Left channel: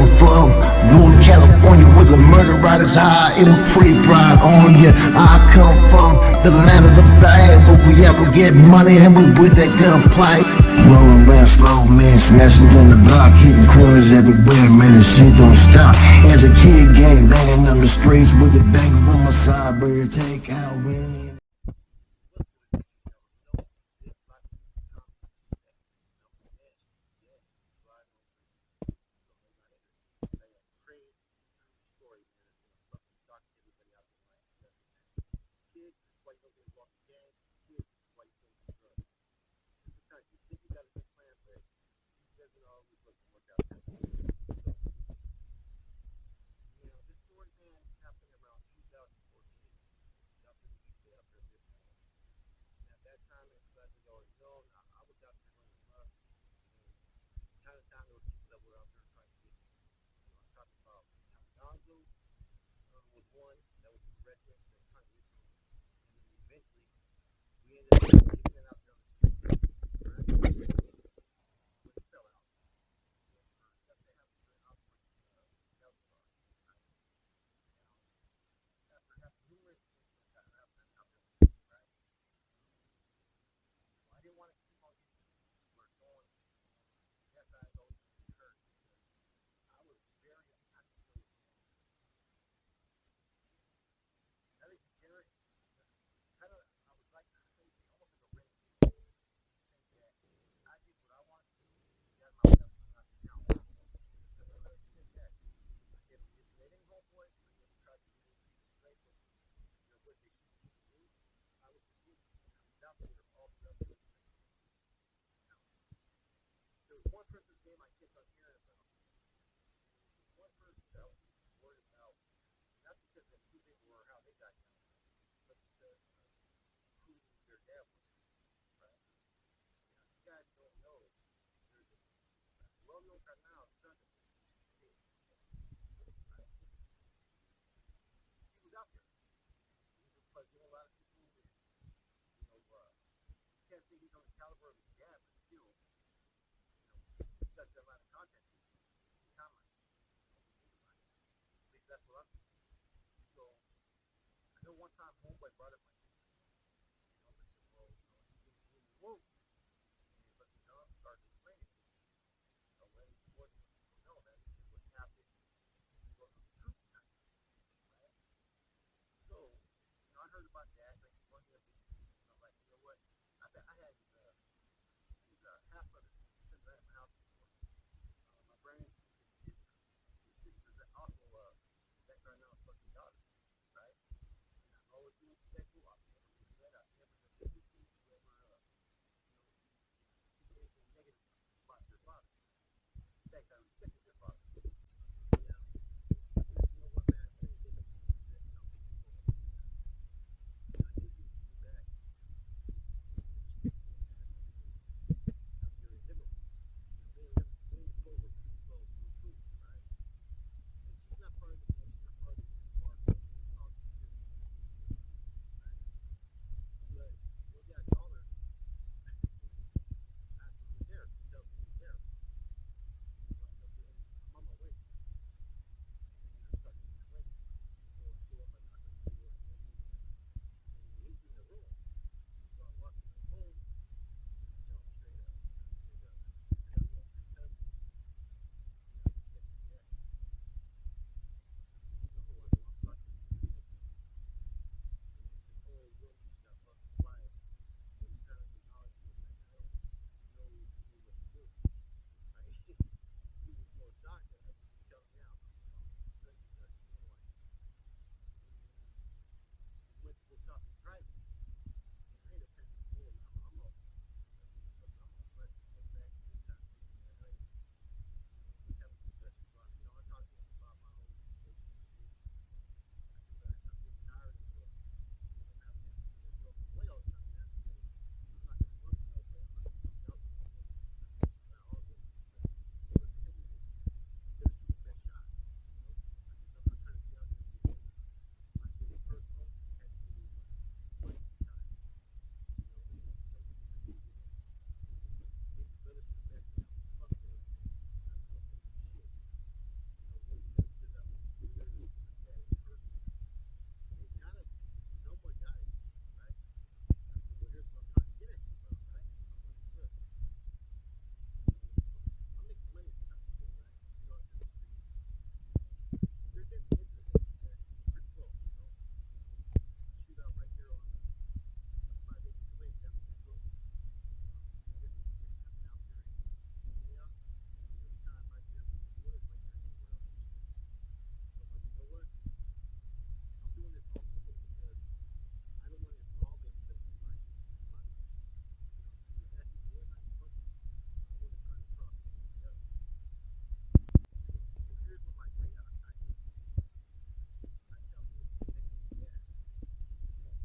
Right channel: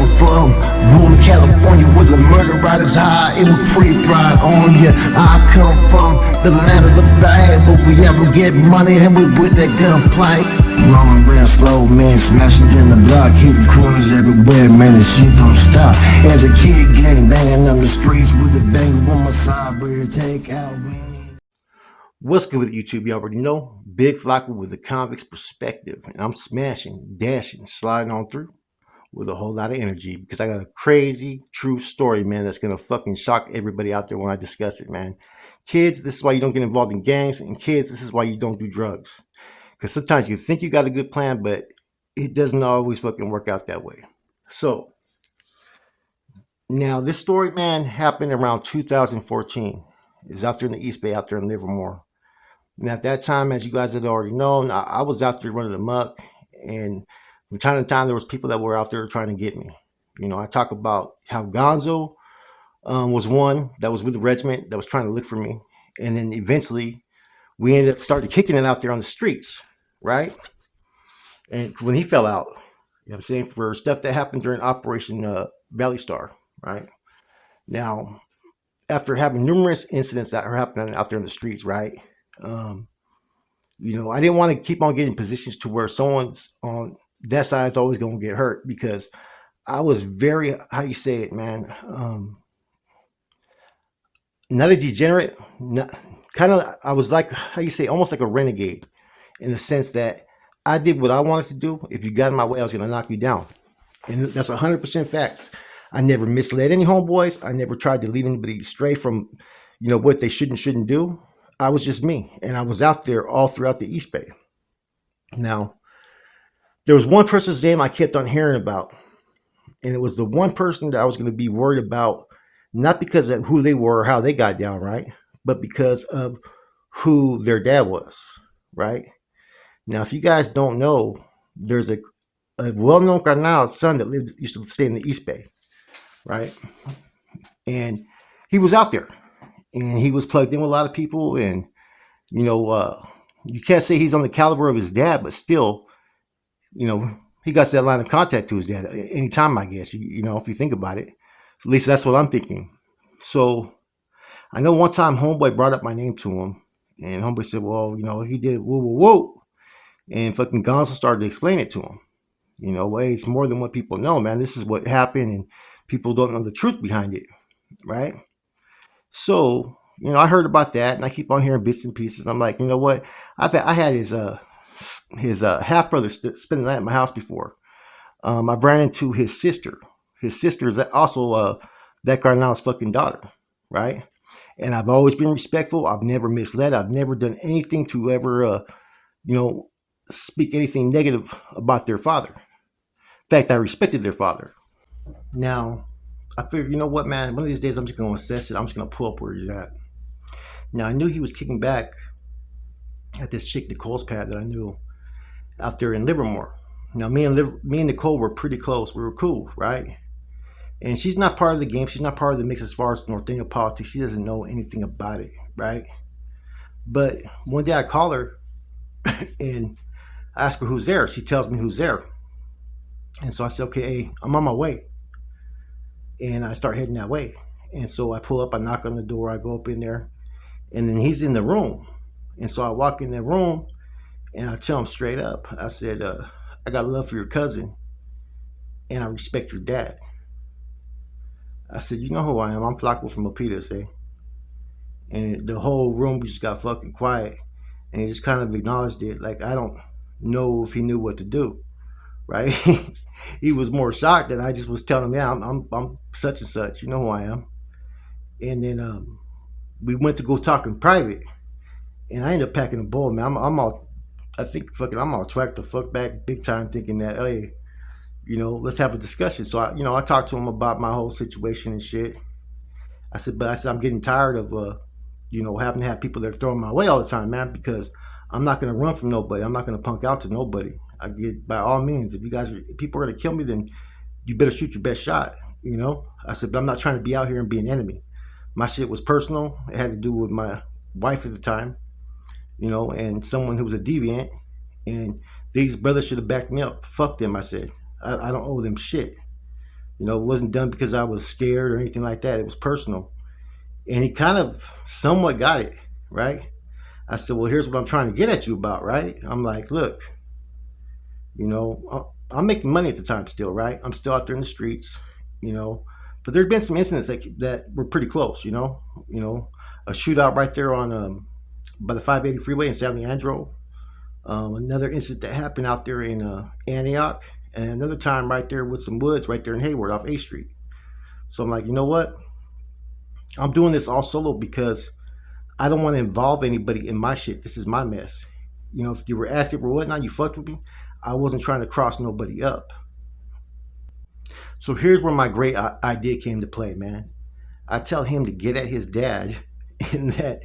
come from, Northern California, where the murder ride is high and we creep right on ya. I come from the land of the bad, but we ever get money and we with that gunplay. Rolling real slow, man, smashing in the block, hitting corners everywhere, man, the shit don't stop. As a kid, gang banging on the streets with a banger on my side, where take out winning. What's good with YouTube? You already know, Big Flocka with the convict's perspective, and I'm smashing, dashing, sliding on through with a whole lot of energy because I got a crazy, true story, man, that's gonna fucking shock everybody out there when I discuss it, man. Kids, this is why you don't get involved in gangs, and kids, this is why you don't do drugs. Because sometimes you think you got a good plan, but it doesn't always fucking work out that way. So, now this story, man, happened around 2014. It's out there in the East Bay, out there in Livermore. And at that time, as you guys had already known, I was out there running amok, and from time to time, there was people that were out there trying to get me. You know, I talk about how Gonzo was one that was with the regiment that was trying to look for me, and then eventually we ended up started kicking it out there on the streets, right? And when he fell out, you know what I'm saying, for stuff that happened during Operation Valley Star, right? Now, after having numerous incidents that are happening out there in the streets, right? You know, I didn't want to keep on getting positions to where someone's on that side is always going to get hurt, because I was very, how you say it, man, not a degenerate, kind of, I was like, how you say, almost like a renegade, in the sense that I did what I wanted to do. If you got in my way, I was going to knock you down. And that's 100% facts. I never misled any homeboys. I never tried to lead anybody astray from, you know, what they shouldn't do. I was just me. And I was out there all throughout the East Bay. Now, there was one person's name I kept on hearing about. And it was the one person that I was going to be worried about, not because of who they were or how they got down, right? But because of who their dad was, right? Now, if you guys don't know, there's a well-known Carnal's son that used to stay in the East Bay, right? And he was out there, and he was plugged in with a lot of people, and, you know, you can't say he's on the caliber of his dad, but still, you know, he got that line of contact to his dad anytime, I guess, you know, if you think about it. At least that's what I'm thinking. So I know one time homeboy brought up my name to him, and homeboy said, well, you know, he did woo, woo, woo. And fucking Gonzo started to explain it to him. You know, well, it's more than what people know, man. This is what happened, and people don't know the truth behind it, right? So, you know, I heard about that, and I keep on hearing bits and pieces. I'm like, you know what? I had his half brother spend the night at my house before. I've ran into his sister. His sister is also that Carnal's fucking daughter, right? And I've always been respectful. I've never misled. I've never done anything to ever, you know, speak anything negative about their father. In fact, I respected their father. Now, I figured, you know what, man? One of these days, I'm just going to assess it. I'm just going to pull up where he's at. Now, I knew he was kicking back at this chick, Nicole's pad, that I knew out there in Livermore. Now, me and Nicole were pretty close. We were cool, right? And she's not part of the game. She's not part of the mix as far as Norteño politics. She doesn't know anything about it, right? But one day I call her and I ask her who's there. She tells me who's there. And so I said, okay, hey, I'm on my way. And I start heading that way. And so I pull up, I knock on the door, I go up in there, and then he's in the room. And so I walk in the room and I tell him straight up, I said, I got love for your cousin and I respect your dad. I said, you know who I am. I'm Flocka from Milpitas, eh? And the whole room just got fucking quiet. And he just kind of acknowledged it. Like, I don't know if he knew what to do, right? He was more shocked that I just was telling him, yeah, I'm such and such. You know who I am. And then we went to go talk in private. And I ended up packing a bowl, man. I'm all tracked the fuck back big time, thinking that, hey, you know, let's have a discussion. So I talked to him about my whole situation and shit. I said, I'm getting tired of, you know, having to have people that are throwing my way all the time, man, because I'm not going to run from nobody. I'm not going to punk out to nobody. I get, by all means, if people are going to kill me, then you better shoot your best shot, you know? I said, but I'm not trying to be out here and be an enemy. My shit was personal. It had to do with my wife at the time, you know, and someone who was a deviant, and these brothers should have backed me up. Fuck them, I said. I don't owe them shit. You know, it wasn't done because I was scared or anything like that. It was personal. And he kind of somewhat got it, right? I said, well, here's what I'm trying to get at you about, right? I'm like, look, you know, I'm making money at the time still, right? I'm still out there in the streets, you know. But there's been some incidents that were pretty close, you know, a shootout right there on by the 580 freeway in San Leandro. Another incident that happened out there in Antioch, and another time right there with some woods right there in Hayward off A Street. So I'm like, you know what? I'm doing this all solo because I don't want to involve anybody in my shit. This is my mess. You know, if you were active or whatnot, you fucked with me. I wasn't trying to cross nobody up. So here's where my great idea came to play, man. I tell him to get at his dad, and that,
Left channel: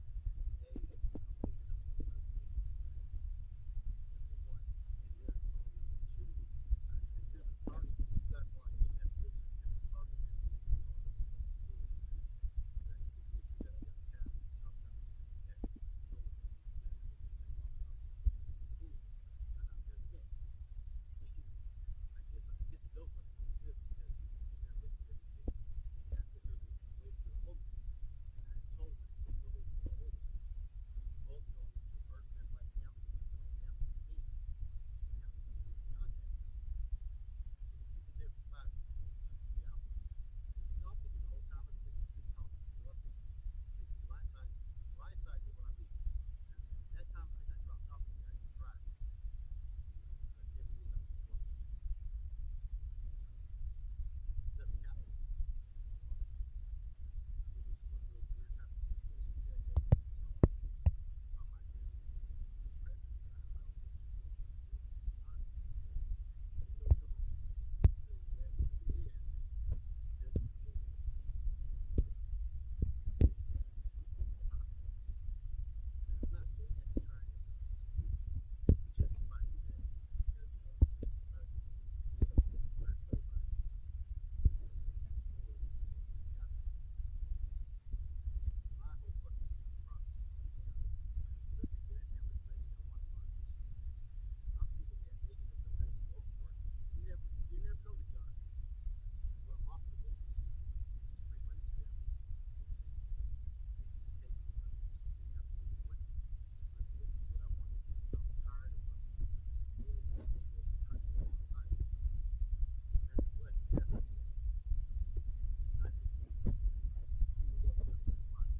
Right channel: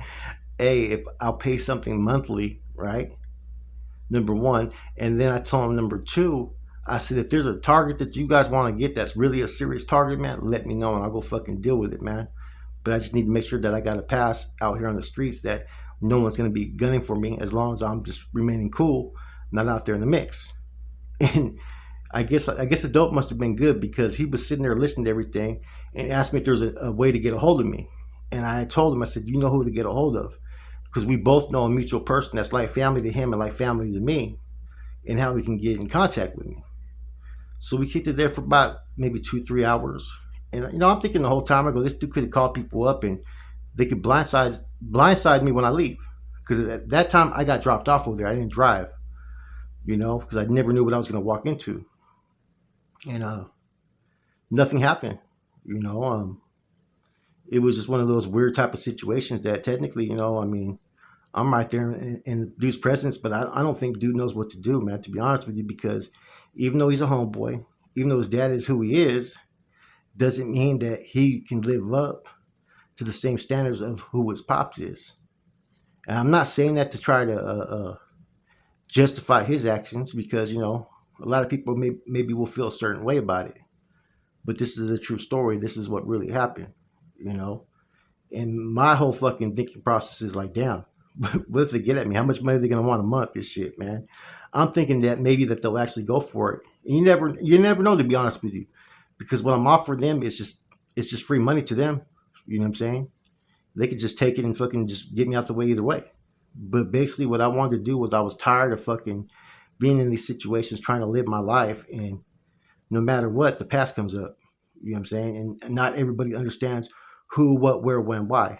hey, if I'll pay something monthly, right? Number one, and then I told him number two. I said, if there's a target that you guys want to get that's really a serious target, man, let me know and I'll go fucking deal with it, man. But I just need to make sure that I got a pass out here on the streets that no one's gonna be gunning for me as long as I'm just remaining cool, not out there in the mix. And I guess the dope must have been good because he was sitting there listening to everything and asked me if there's a way to get a hold of me. And I told him, I said, you know who to get a hold of, because we both know a mutual person that's like family to him and like family to me, and how we can get in contact with me. So we kicked it there for about maybe 2 3 hours. And you know, I'm thinking the whole time, I go, this dude could have called people up and they could blindside me when I leave. Because at that time I got dropped off over there. I didn't drive, you know, because I never knew what I was gonna walk into. And nothing happened. You know, it was just one of those weird type of situations that technically, you know, I mean, I'm right there in dude's presence, but I don't think dude knows what to do, man, to be honest with you, because even though he's a homeboy, even though his dad is who he is, doesn't mean that he can live up to the same standards of who his pops is. And I'm not saying that to try to justify his actions, because, you know, a lot of people maybe will feel a certain way about it. But this is a true story. This is what really happened, you know? And my whole fucking thinking process is like, damn, what if they get at me? How much money are they gonna want a month? This shit, man. I'm thinking that maybe that they'll actually go for it. And you never know, to be honest with you, because what I'm offering them is just free money to them. You know what I'm saying? They could just take it and fucking just get me out the way either way. But basically, what I wanted to do was I was tired of fucking being in these situations, trying to live my life, and no matter what, the past comes up. You know what I'm saying? And not everybody understands who, what, where, when, why.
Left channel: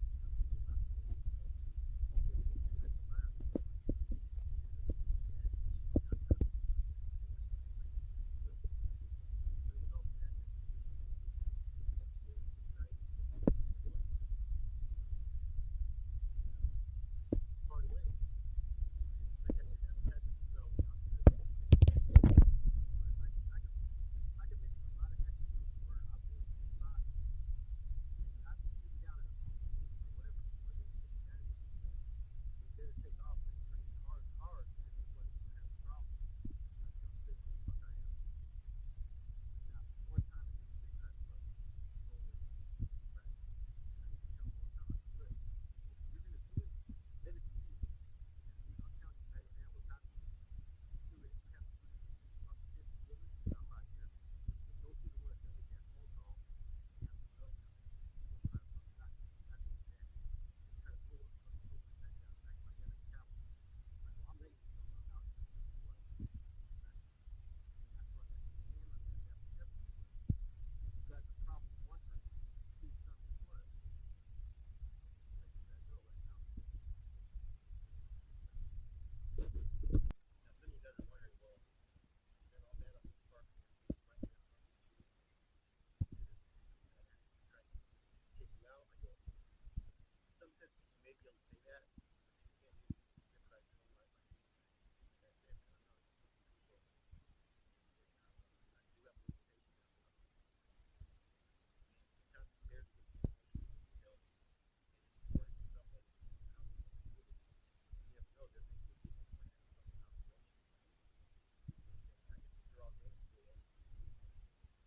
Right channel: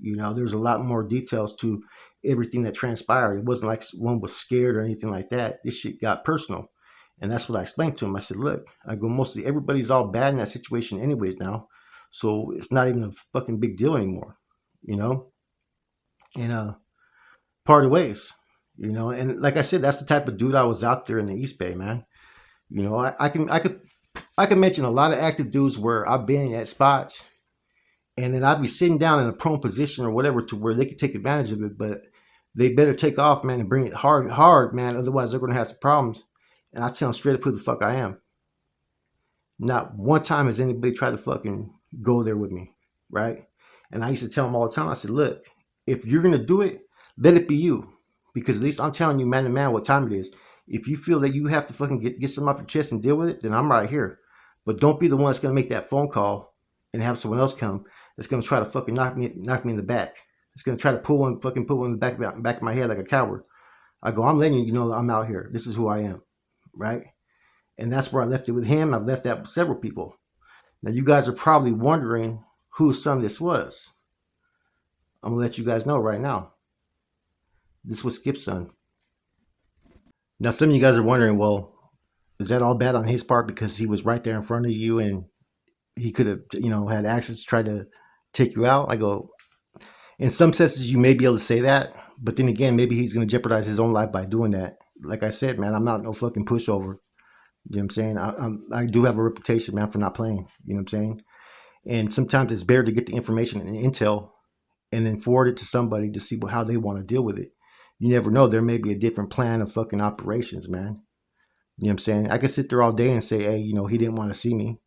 You know, there's a lot more details to everything that transpired. It wasn't like one was scared or anything like that. This shit got personal. And that's what I explained to him. I said, look, I go, mostly everybody's all bad in that situation anyways now. So it's not even a fucking big deal anymore, you know? And party ways, you know? And like I said, that's the type of dude I was out there in the East Bay, man. You know, I can mention a lot of active dudes where I've been at spots, and then I'd be sitting down in a prone position or whatever to where they could take advantage of it, but they better take off, man, and bring it hard, man. Otherwise, they're gonna have some problems. And I tell them straight up who the fuck I am. Not one time has anybody tried to fucking go there with me, right? And I used to tell them all the time. I said, look, if you're gonna do it, let it be you, because at least I'm telling you, man to man, what time it is. If you feel that you have to fucking get something off your chest and deal with it, then I'm right here. But don't be the one that's gonna make that phone call and have someone else come that's gonna try to fucking knock me in the back. It's gonna try to put one in the back of my head like a coward. I go, I'm letting you know that I'm out here. This is who I am, right? And that's where I left it with him. I've left that with several people. Now you guys are probably wondering whose son this was. I'm gonna let you guys know right now. This was Skip's son. Now some of you guys are wondering, well, is that all bad on his part because he was right there in front of you and he could have, you know, had access to try to take you out? I go, in some senses you may be able to say that, but then again, maybe he's going to jeopardize his own life by doing that. Like I said, man, I'm not no fucking pushover. You know what I'm saying? I do have a reputation, man, for not playing. You know what I'm saying? And sometimes it's better to get the information and intel and then forward it to somebody to see how they want to deal with it. You never know. There may be a different plan of fucking operations, man. You know what I'm saying? I could sit there all day and say, hey, you know, he didn't want to see me.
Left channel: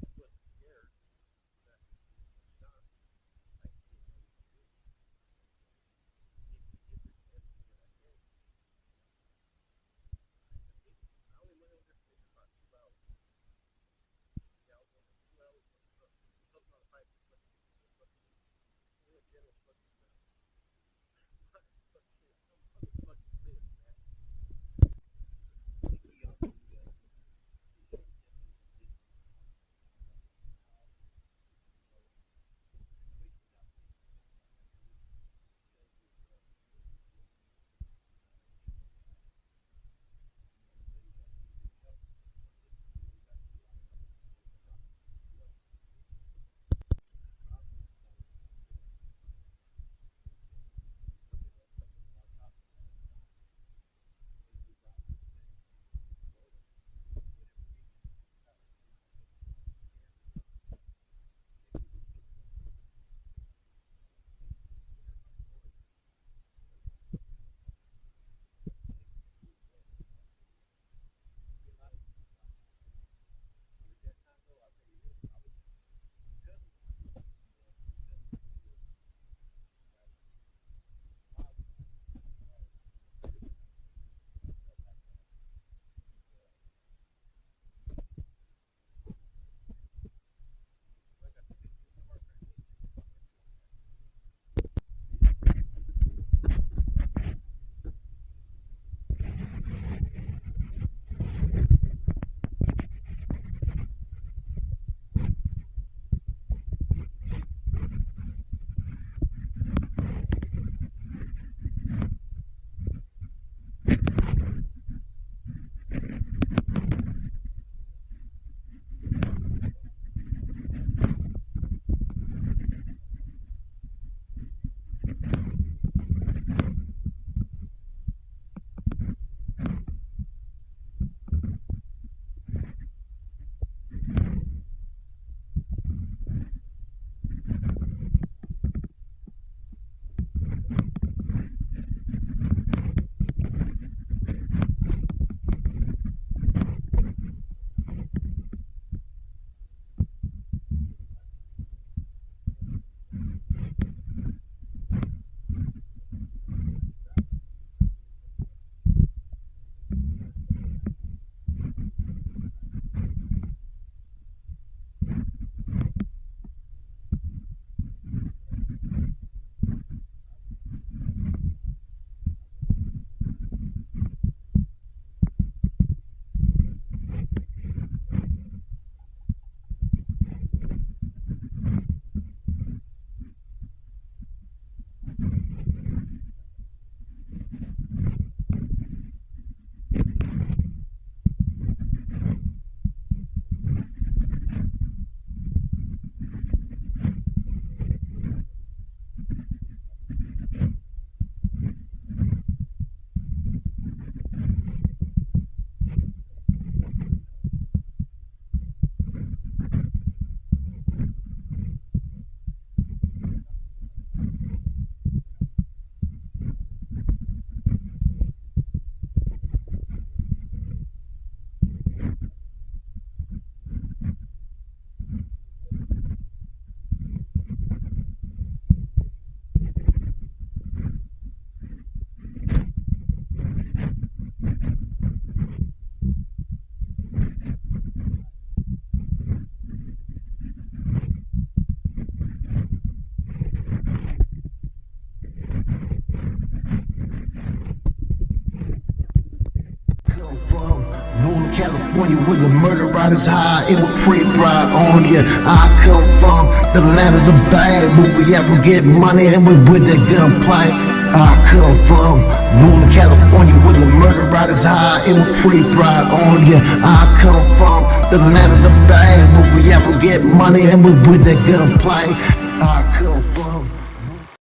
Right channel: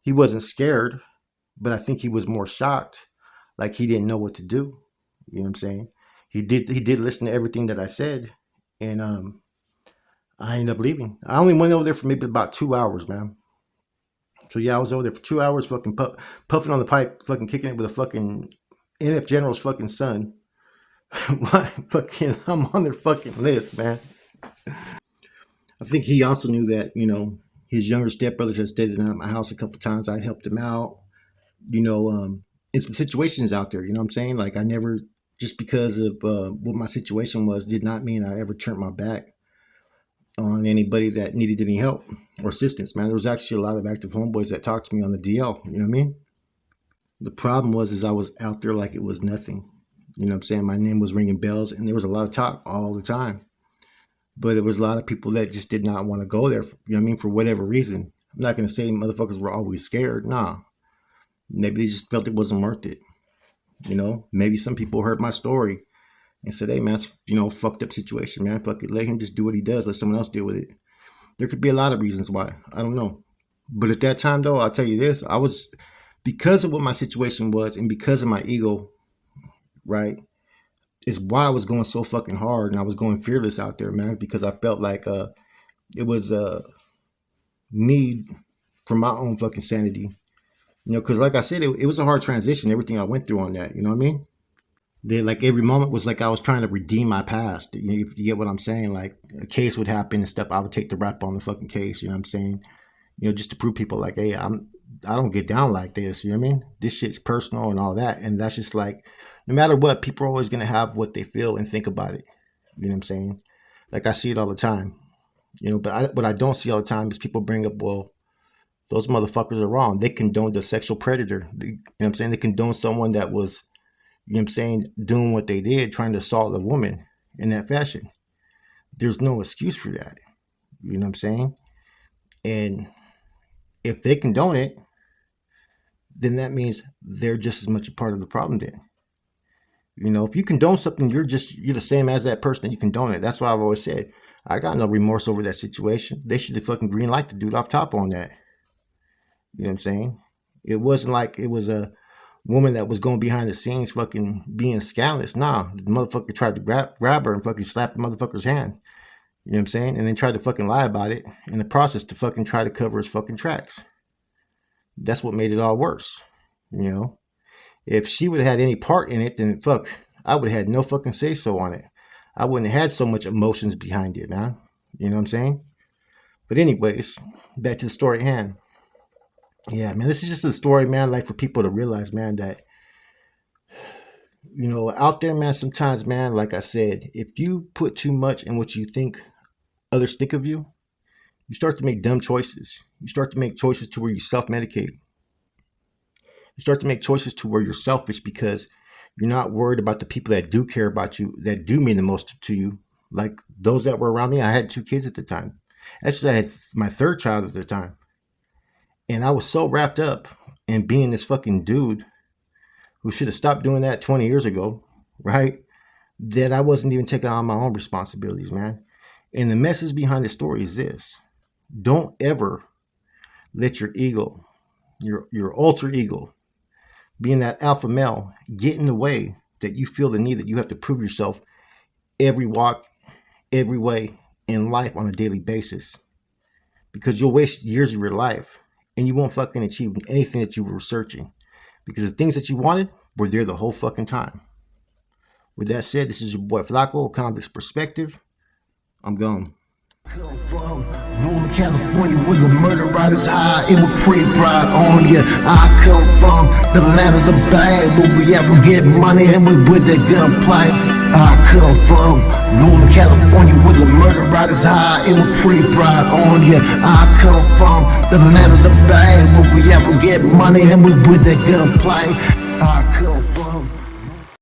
He wasn't scared, but I think he was more shocked. Like he didn't know what to do. You know what I'm saying? He did listen to everything that I said. And I ended up leaving. I only went over there for maybe about 2 hours, man. So yeah, I was over there for 2 hours, fucking puffing on the pipe, fucking kicking it with a fucking NF General's fucking son. Why fucking I'm on their fucking list, man. I think he also knew that, his younger stepbrothers had stayed at my house a couple times. I helped him out, in some situations out there. You know what I'm saying? Like I never, just because of what my situation was, did not mean I ever turned my back on anybody that needed any help or assistance, man. There was actually a lot of active homeboys that talked to me on the DL. You know what I mean? The problem was I was out there like it was nothing. You know what I'm saying? My name was ringing bells, and there was a lot of talk all the time. But there was a lot of people that just did not want to go there, you know what I mean, for whatever reason. I'm not going to say motherfuckers were always scared. Nah. Maybe they just felt it wasn't worth it. Maybe some people heard my story and said, hey, man, it's, fucked up situation, man. Fuck it. Let him just do what he does. Let someone else deal with it. There could be a lot of reasons why. I don't know. But at that time, though, I'll tell you this. Because of what my situation was and because of my ego, right, is why I was going so fucking hard and I was going fearless out there, man, because I felt like it was a need for my own fucking sanity. Because like I said, it was a hard transition, everything I went through on that, you know what I mean? Like every moment was like I was trying to redeem my past. You get what I'm saying? Like a case would happen and stuff, I would take the rap on the fucking case, you know what I'm saying? Just to prove people like, hey, I don't get down like this, you know what I mean? This shit's personal and all that. And that's just like, no matter what, people are always going to have what they feel and think about it. You know what I'm saying? Like I see it all the time. But what I don't see all the time is people bring up, well, those motherfuckers are wrong. They condone the sexual predator. You know what I'm saying? They condone someone that was, you know what I'm saying, doing what they did, trying to assault a woman in that fashion. There's no excuse for that. You know what I'm saying? And if they condone it, then that means they're just as much a part of the problem then. If you condone something, you're the same as that person that you condone it. That's why I've always said, I got no remorse over that situation. They should have fucking green light the dude off top on that. You know what I'm saying? It wasn't like it was a woman that was going behind the scenes fucking being scandalous. Nah, the motherfucker tried to grab her and fucking slap the motherfucker's hand. You know what I'm saying? And then tried to fucking lie about it in the process to fucking try to cover his fucking tracks. That's what made it all worse. If she would have had any part in it, then fuck, I would have had no fucking say so on it. I wouldn't have had so much emotions behind it, man. You know what I'm saying? But anyways, back to the story at hand. Yeah, man, this is just a story, man, like for people to realize, man, that, out there, man, sometimes, man, like I said, if you put too much in what you think others think of you, you start to make dumb choices. You start to make choices to where you self-medicate. You start to make choices to where you're selfish because you're not worried about the people that do care about you, that do mean the most to you. Like those that were around me. I had 2 kids at the time. Actually, I had my 3rd child at the time. And I was so wrapped up in being this fucking dude who should have stopped doing that 20 years ago, right? That I wasn't even taking on my own responsibilities, man. And the message behind the story is this. Don't ever let your ego, your alter ego, being that alpha male, get in the way that you feel the need that you have to prove yourself every walk, every way in life on a daily basis. Because you'll waste years of your life and you won't fucking achieve anything that you were searching. Because the things that you wanted were there the whole fucking time. With that said, this is your boy Flacco, Convict's Perspective. I'm gone. Come from Northern California where the murder rate is high and we'll creep right on ya. I come from the land of the bad, but we ever get money and we with that gunplay. I come from Northern California where the murder rate is high and we'll creep right on ya. I come from the land of the bad, but we ever get money and we with that gunplay. I come from